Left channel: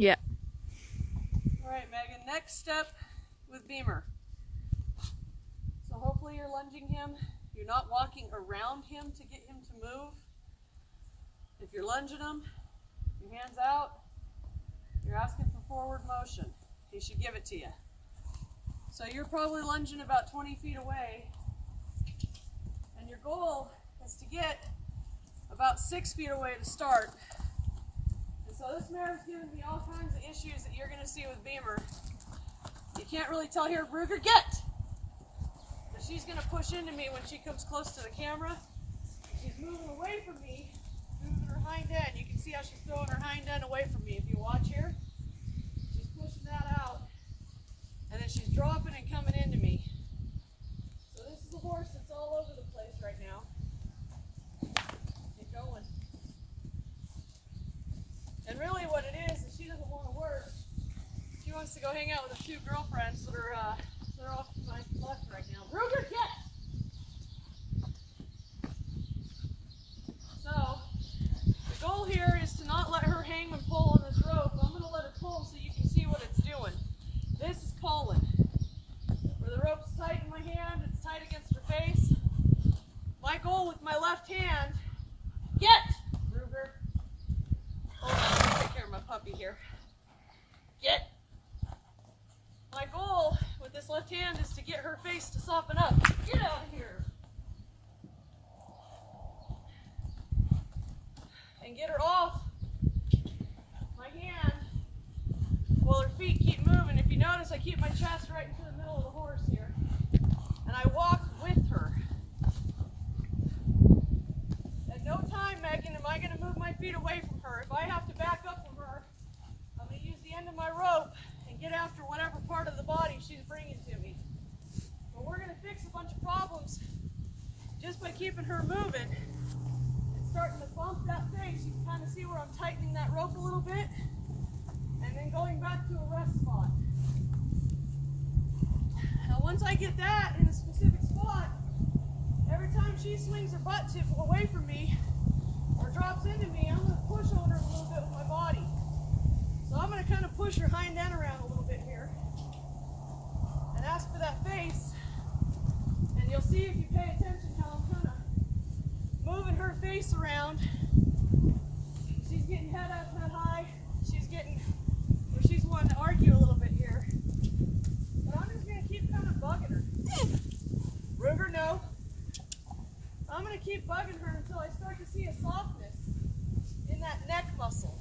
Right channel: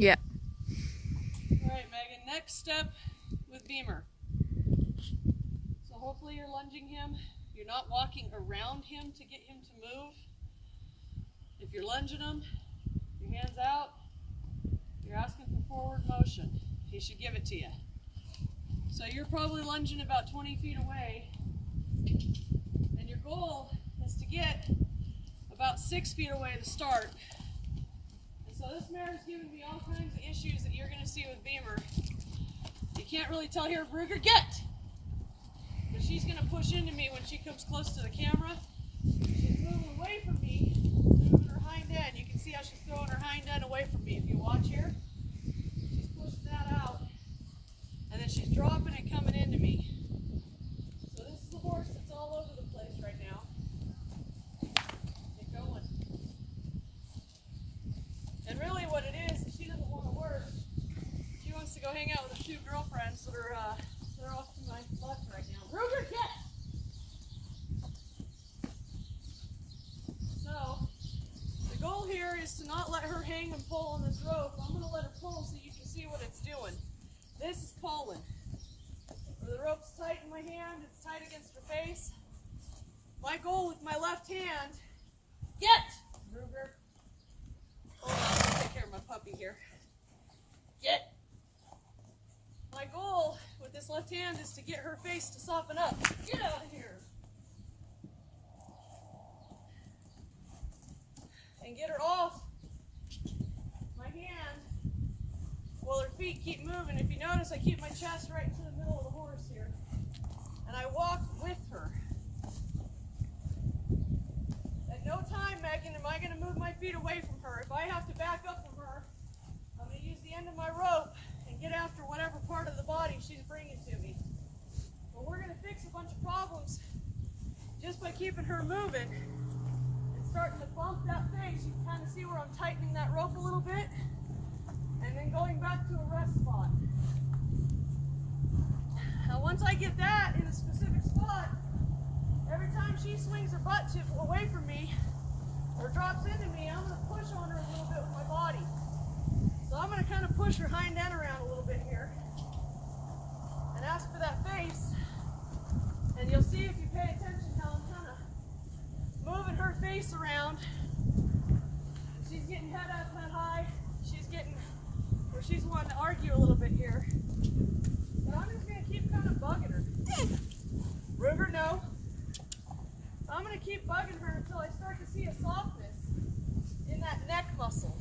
Yeah. All right, Megan, next step with Beamer. So hopefully you're lunging him. You're not walking around him to get him to move. If you're lunging him, your hands out, you're asking for forward motion. He should give it to you. So you're probably lunging about 20 feet away, and your goal is to get about 6 feet away to start. And so this mare is giving me all kinds of issues that you're going to see with Beamer. You can't really tell here, Ruger, get! But she's going to push into me when she comes close to the camera. She's moving away from me, moving her hind end. You can see how she's throwing her hind end away from me. If you watch here, she's pushing that out, and then she's dropping and coming into me. So this is a horse that's all over the place right now. Get going. And really what it is she doesn't want to work. She wants to go hang out with her two girlfriends that are they're off to my left right now. Ruger, get! So the goal here is to not let her hang and pull on this rope. I'm going to let her pull so you can see what it's doing. This is pulling. Where the rope's tight in my hand, it's tight against her face. My goal with my left hand, get! Ruger. Hold on, let me take care of my puppy here. Get! My goal with this left hand is to get her face to soften up. Get out of here! And get her off my hand while her feet keep moving. If you notice, I keep my chest right into the middle of the horse here. And I walk with her. At no time, Megan, am I going to move my feet away from her. If I have to back up from her, I'm going to use the end of my rope and get after whatever part of the body she's bringing to me. But we're going to fix a bunch of problems just by keeping her moving and starting to bump that face. You can kind of see where I'm tightening that rope a little bit and then going back to a rest spot. Now once I get that in a specific spot, every time she swings her butt tip away from me or drops into me, I'm going to push on her a little bit with my body. So I'm going to kind of push her hind end around a little bit here and ask for that face. And you'll see if you pay attention how I'm kind of moving her face around. She's getting head up that high. She's getting where she's wanting to argue a little bit here. But I'm just going to keep kind of bugging her. Ruger, no. I'm going to keep bugging her until I start to see a softness in that neck muscle.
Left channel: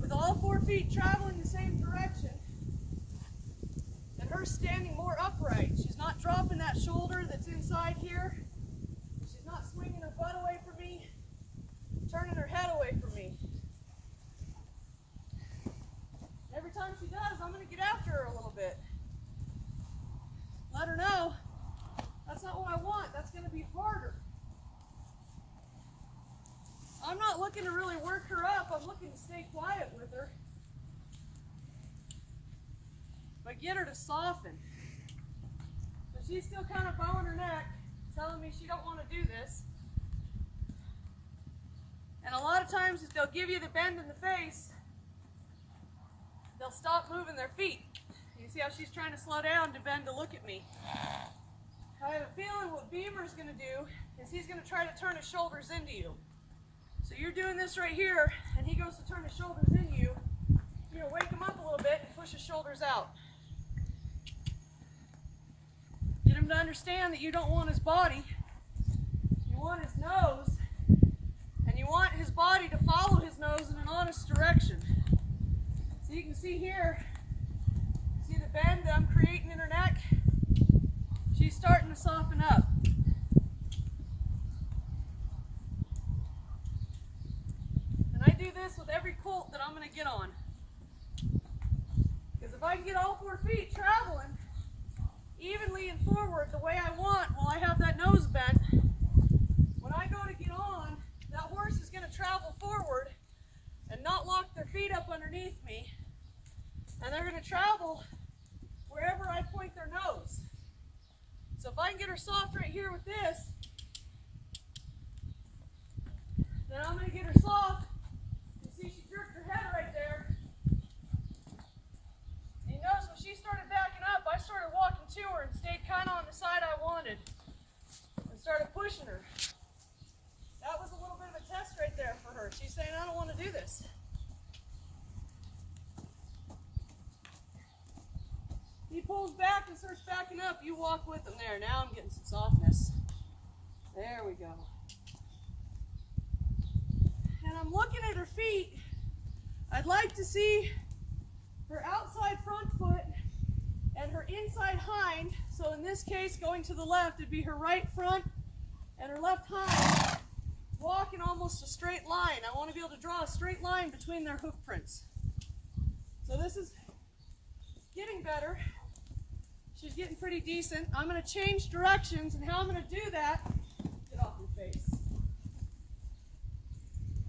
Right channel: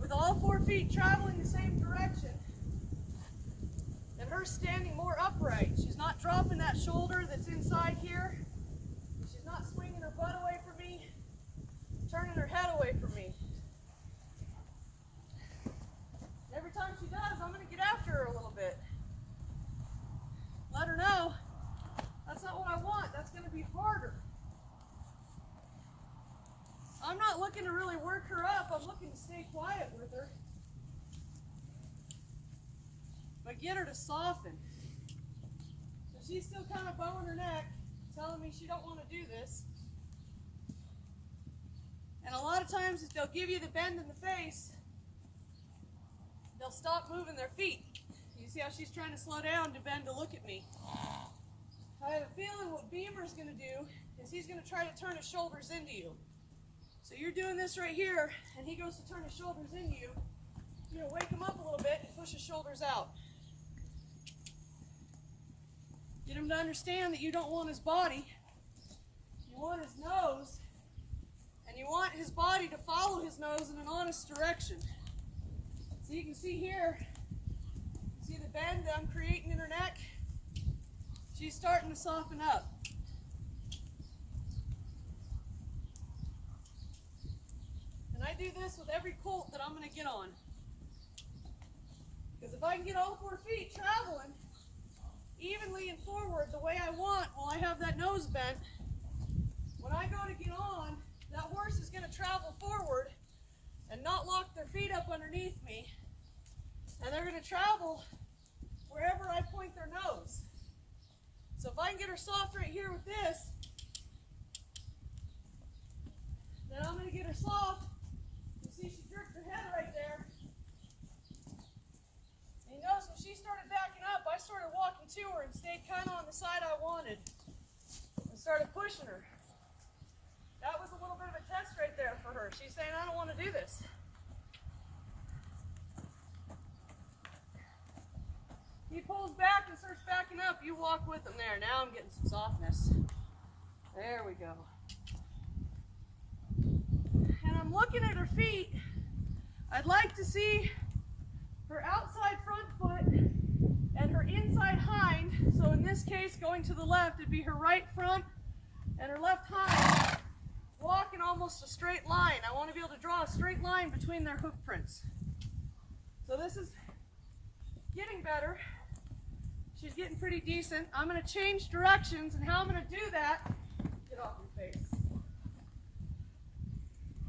With all 4 feet traveling the same direction and her standing more upright. She's not dropping that shoulder that's inside here. She's not swinging her butt away from me, turning her head away from me. Every time she does, I'm going to get after her a little bit. Let her know that's not what I want. That's going to be harder. I'm not looking to really work her up. I'm looking to stay quiet with her. But get her to soften. So she's still kind of bowing her neck, telling me she don't want to do this. And a lot of times if they'll give you the bend in the face, they'll stop moving their feet. You see how she's trying to slow down to bend to look at me. I have a feeling what Beamer's going to do is he's going to try to turn his shoulders into you. So you're doing this right here, and he goes to turn his shoulders in you. You're going to wake him up a little bit and push his shoulders out. Get him to understand that you don't want his body. You want his nose, and you want his body to follow his nose in an honest direction. So you can see here, see the bend that I'm creating in her neck? She's starting to soften up. And I do this with every colt that I'm going to get on. Because if I can get all 4 feet traveling evenly and forward the way I want while I have that nose bent, when I go to get on, that horse is going to travel forward and not lock their feet up underneath me. And they're going to travel wherever I point their nose. So if I can get her soft right here with this, then I'm going to get her soft. You see she jerked her head right there. started pushing her. That was a little bit of a test right there for her. She's saying, I don't want to do this. He pulls back and starts backing up. You walk with him there. Now I'm getting some softness. There we go. And I'm looking at her feet. I'd like to see her outside front foot and her inside hind. So in this case, going to the left, it'd be her right front and her left hind walking almost a straight line. I want to be able to draw a straight line between their hoof prints. So this is getting better. She's getting pretty decent. I'm going to change directions, and how I'm going to do that, get off your face.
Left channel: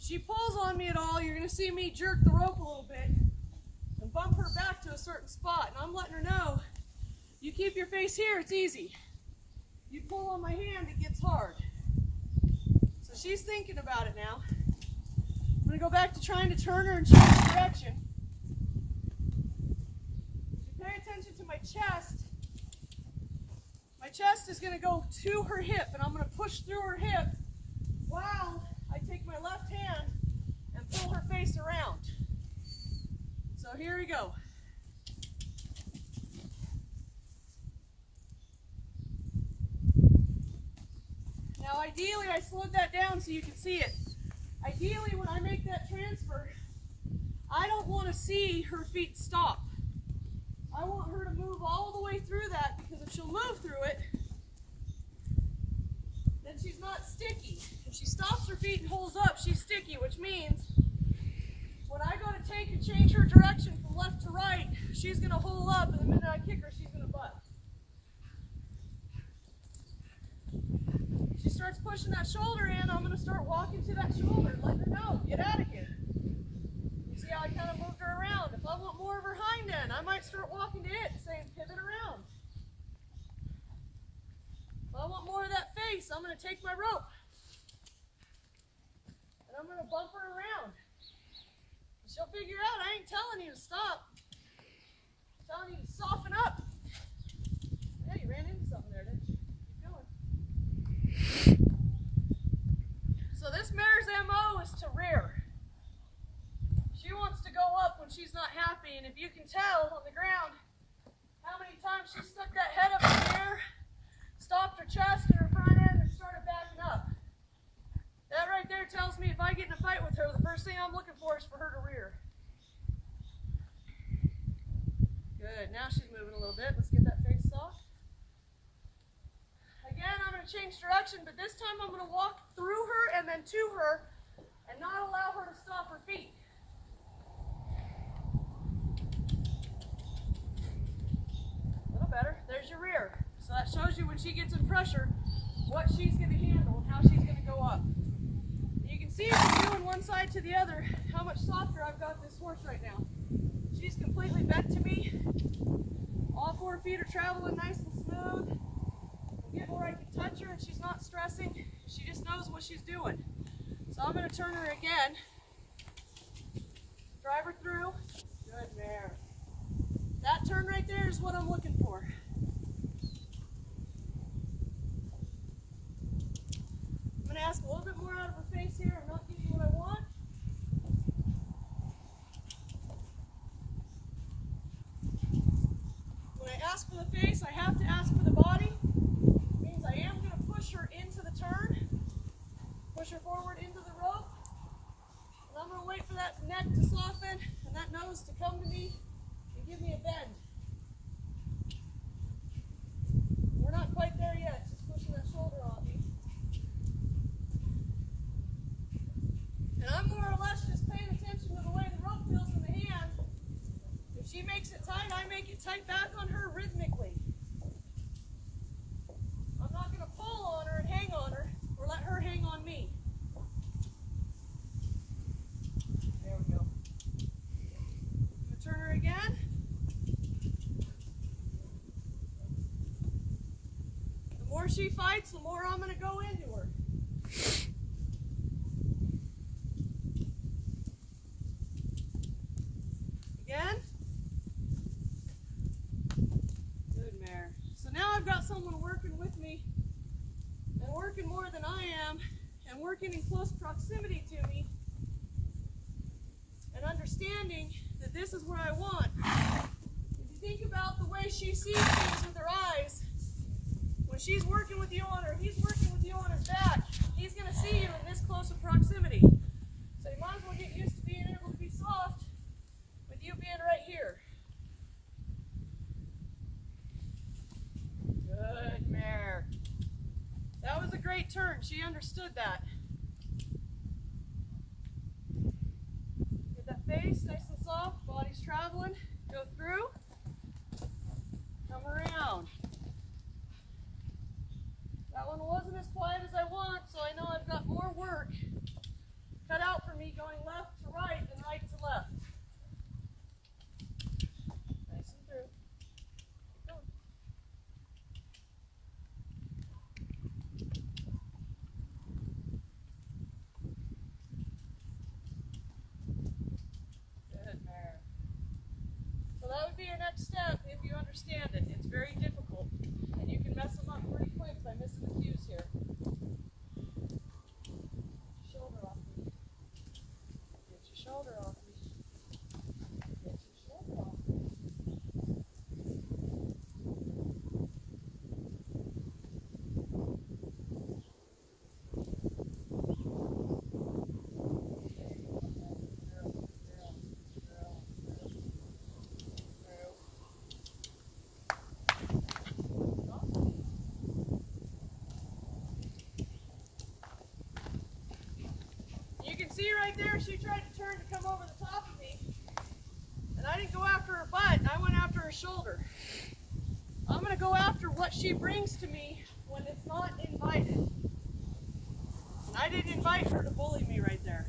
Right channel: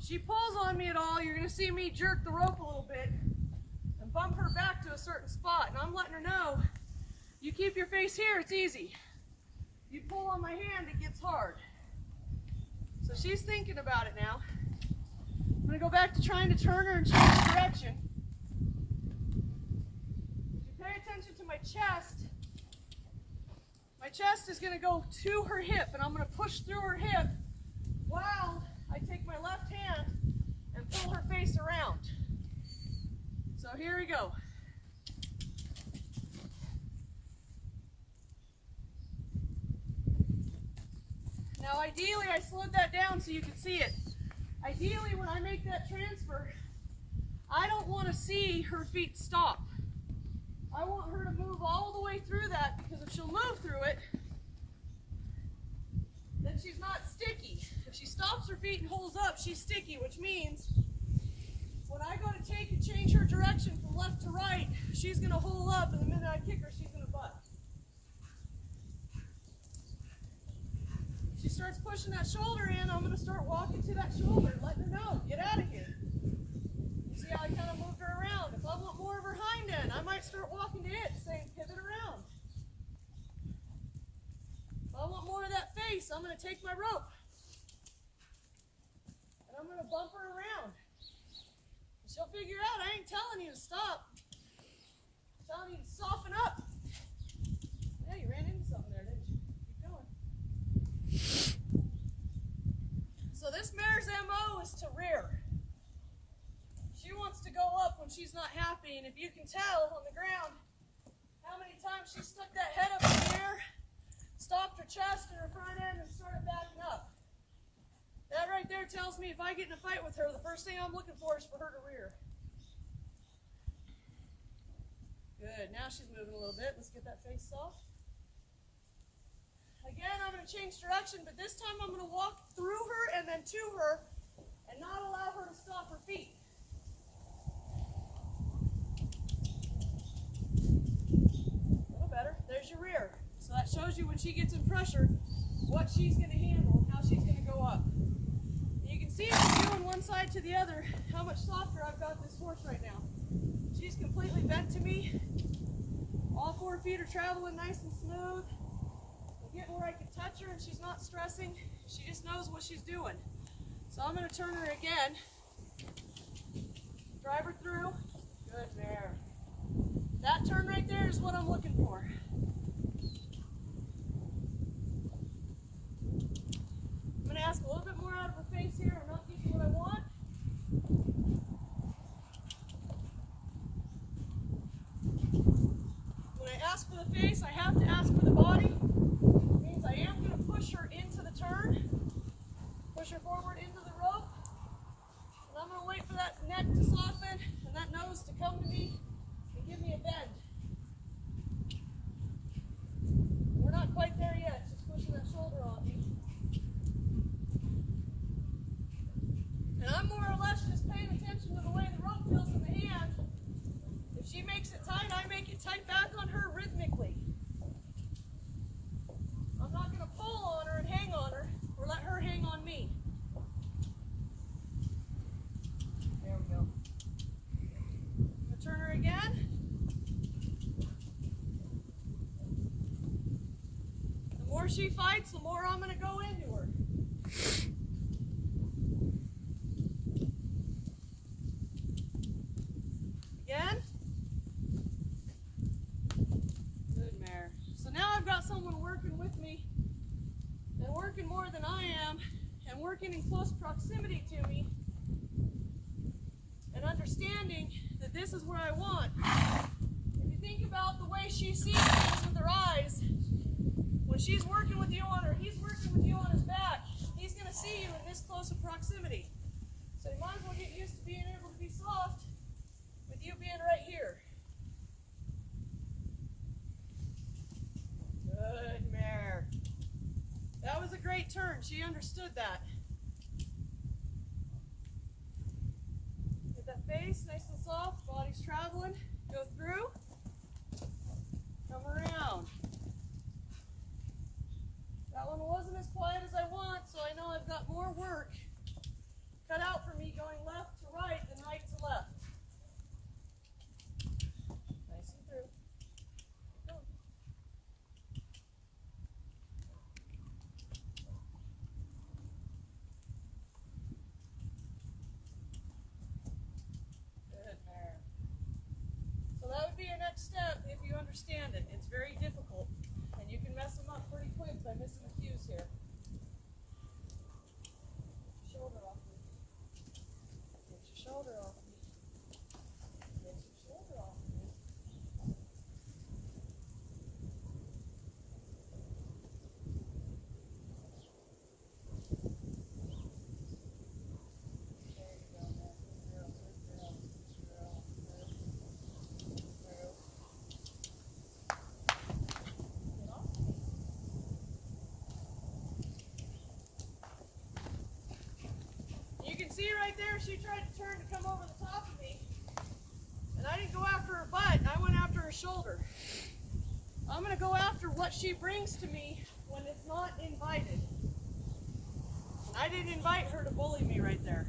She pulls on me at all, you're going to see me jerk the rope a little bit and bump her back to a certain spot. And I'm letting her know, you keep your face here, it's easy. You pull on my hand, it gets hard. So she's thinking about it now. I'm going to go back to trying to turn her and change direction. If you pay attention to my chest is going to go to her hip, and I'm going to push through her hip while I take my left hand and pull her face around. So here we go. Now ideally I slowed that down so you can see it. Ideally when I make that transfer, I don't want to see her feet stop. I want her to move all the way through that, because if she'll move through it, then she's not sticky. If she stops her feet and holds up, she's sticky, which means when I go to take and change her direction from left to right, she's going to hold up, and the minute I kick her, she's going to butt. She starts pushing that shoulder in, I'm going to start walking to that shoulder, letting her know, get out of here. You see how I kind of moved her around? If I want more of her hind end, I might start walking to it, saying pivot around. If I want more of that face, I'm going to take my rope. And I'm going to bump her around. She'll figure out I ain't telling you to stop. I'm telling you to soften up. Yeah, you ran into something there, didn't you? Keep going. So this mare's MO is to rear. She wants to go up when she's not happy, and if you can tell on the ground how many times she stuck that head up in the air, stopped her chest and her front end, and started backing up. That right there tells me if I get in a fight with her, the first thing I'm looking for is for her to rear. Good, now she's moving a little bit. Let's get that face soft. Again, I'm going to change direction, but this time I'm going to walk through her and then to her and not allow her to stop her feet. A little better. There's your rear. So that shows you when she gets in pressure what she's going to handle and how she's going to go up. You can see from doing one side to the other how much softer I've got this horse right now. She's completely bent to me. All 4 feet are traveling nice and smooth. I'm getting where I can touch her and she's not stressing. She just knows what she's doing. So I'm going to turn her again. Drive her through. Good mare. That turn right there is what I'm looking for. I'm going to ask a little bit more out of her face here. I'm not getting what I want. When I ask for the face, I have to ask for the body. It means I am going to push her into the turn, push her forward into the rope, and I'm going to wait for that neck to soften and that nose to come to me and give me a bend. We're not quite there yet, she's pushing that shoulder on me. And I'm more or less just paying attention to the way the rope feels in the hand. If she makes it tight, I make it tight back on her rhythmically. I'm not going to pull on her and hang on her, or let her hang on me. There we go. I'm going to turn her again. The more she fights, the more I'm going to go into her. Again. Good mare. So now I've got someone working with me, and we're working more than I am and working in close proximity to me and understanding that this is where I want. If you think about the way she sees things with her eyes, when she's working with you on her, he's working with you on his back, he's going to see you in this close of proximity. So you might as well get used to being able to be soft with you being right here. Good mare. That was a great turn. She understood that. Get that face nice and soft, body's traveling. Go through, come around. That one wasn't as quiet as I want, so I know I've got more work cut out for me going left to right and right to left. Nice and through. Keep going. Good mare. So that would be your next step if you understand it. It's very difficult, and you can mess them up pretty quick by missing the cues here. Get your shoulder off me. Get your shoulder off me. Get your shoulder off me. You can see right there, she tried to turn to come over the top of me, and I didn't go after her butt, I went after her shoulder. I'm going to go after what she brings to me when it's not invited. And I didn't invite her to bully me right there.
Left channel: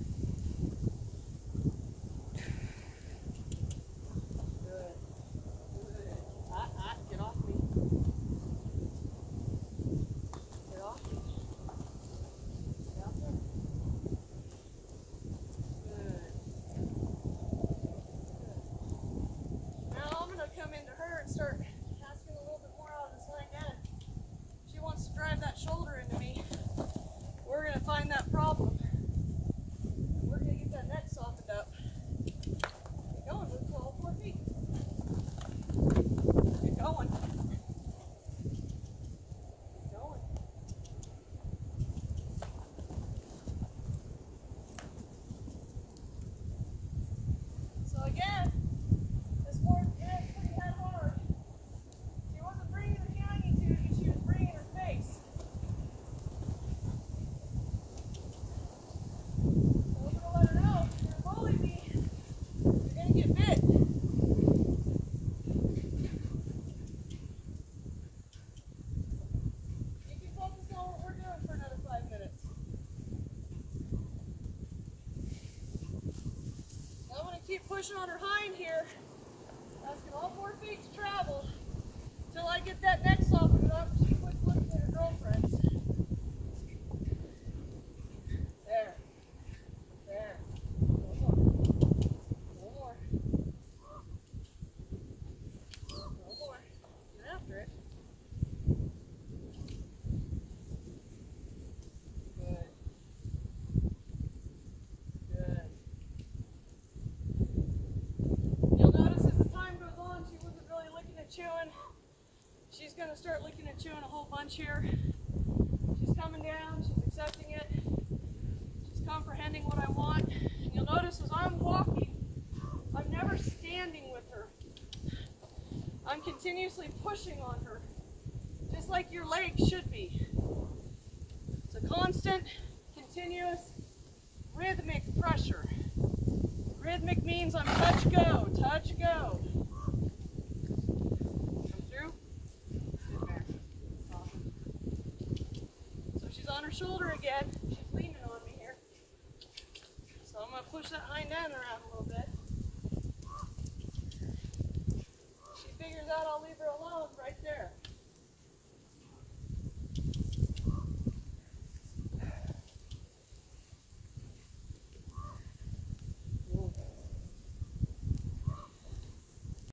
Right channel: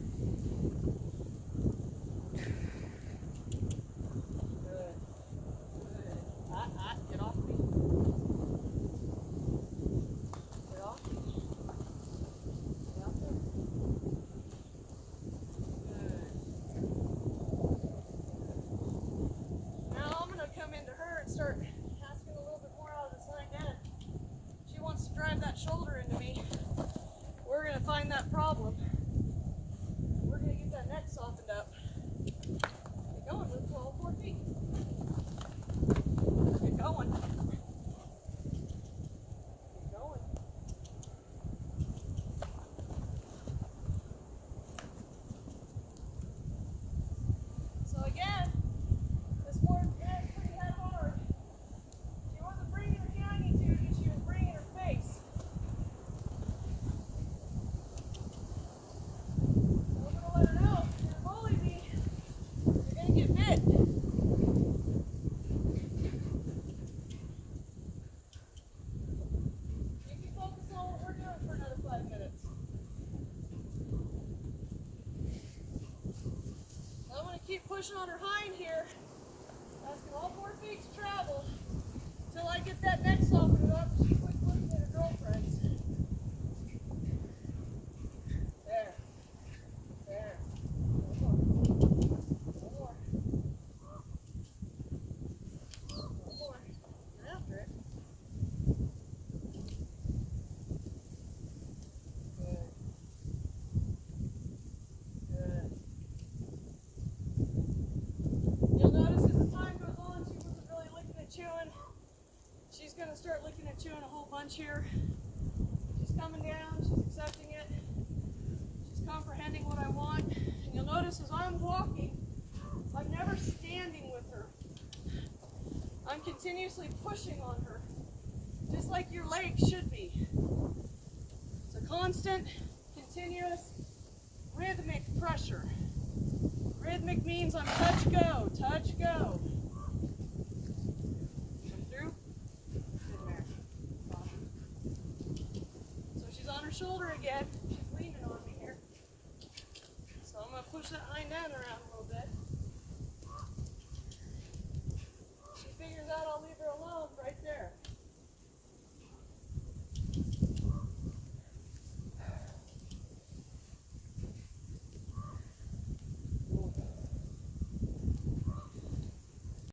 Good. Good. Get off me. Get off me. Get out there. Now I'm going to come into her and start asking a little bit more out of this hind end. She wants to drive that shoulder into me. We're going to find that problem. And we're going to get that neck softened up. Get going with all 4 feet. Get going. Get going. So again, this morning is pretty head hard. She wasn't bringing her behind me to, but she was bringing her face. So I'm going to let her know, if you're going to bully me, you're going to get bit. You can focus on what we're doing for another 5 minutes. I'm going to keep pushing on her hind here, asking all 4 feet to travel until I get that neck softened up and she quits looking at her girlfriends. There. There. No more. No more. No more. Get after it. Good. Good. You'll notice as the time goes on, she wasn't really licking and chewing. She's going to start licking and chewing a whole bunch here. She's coming down, she's accepting it. She's comprehending what I want. And you'll notice as I'm walking, I'm never standing with her. I'm continuously pushing on her, just like your legs should be. It's a constant, continuous, rhythmic pressure. Rhythmic means I'm touch, go, touch, go. Come through. Good mare. Soft. So she's on her shoulder again. She's leaning on me here. So I'm going to push that hind end around a little bit. She figures out I'll leave